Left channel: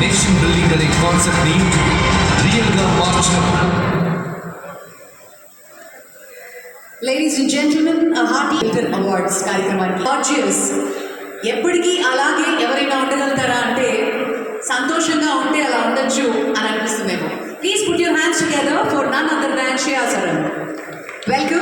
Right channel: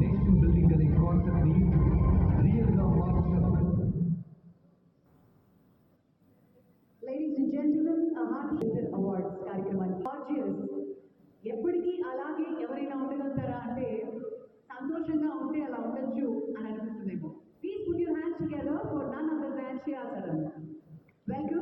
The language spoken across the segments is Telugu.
నేషన్ బిల్డింగ్ అనే కాన్సెప్ట్ని రియల్గా మార్చినప్పుడు ladies and gentlemen hearty litter awards కార్యక్రమానికి లాడ్జియస్ ఎప్పటికీ అలాగే ఎవరైనా ఉండగలుగుతారా అంటే సంతోషంగా ఉంటే అలా ఉండొచ్చు అని అనిపిస్తుందేమో. Please put your hands together for none other than శ్రేయాసరం welcome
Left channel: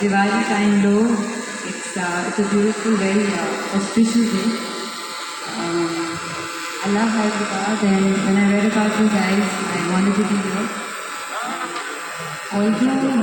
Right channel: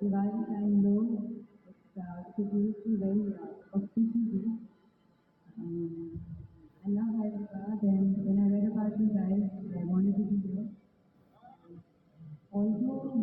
the Valentine Low. It's, uh, it's a beautiful, very uh, auspicious day. Um, Allah has and when I read about you guys, I wanted to be here. Although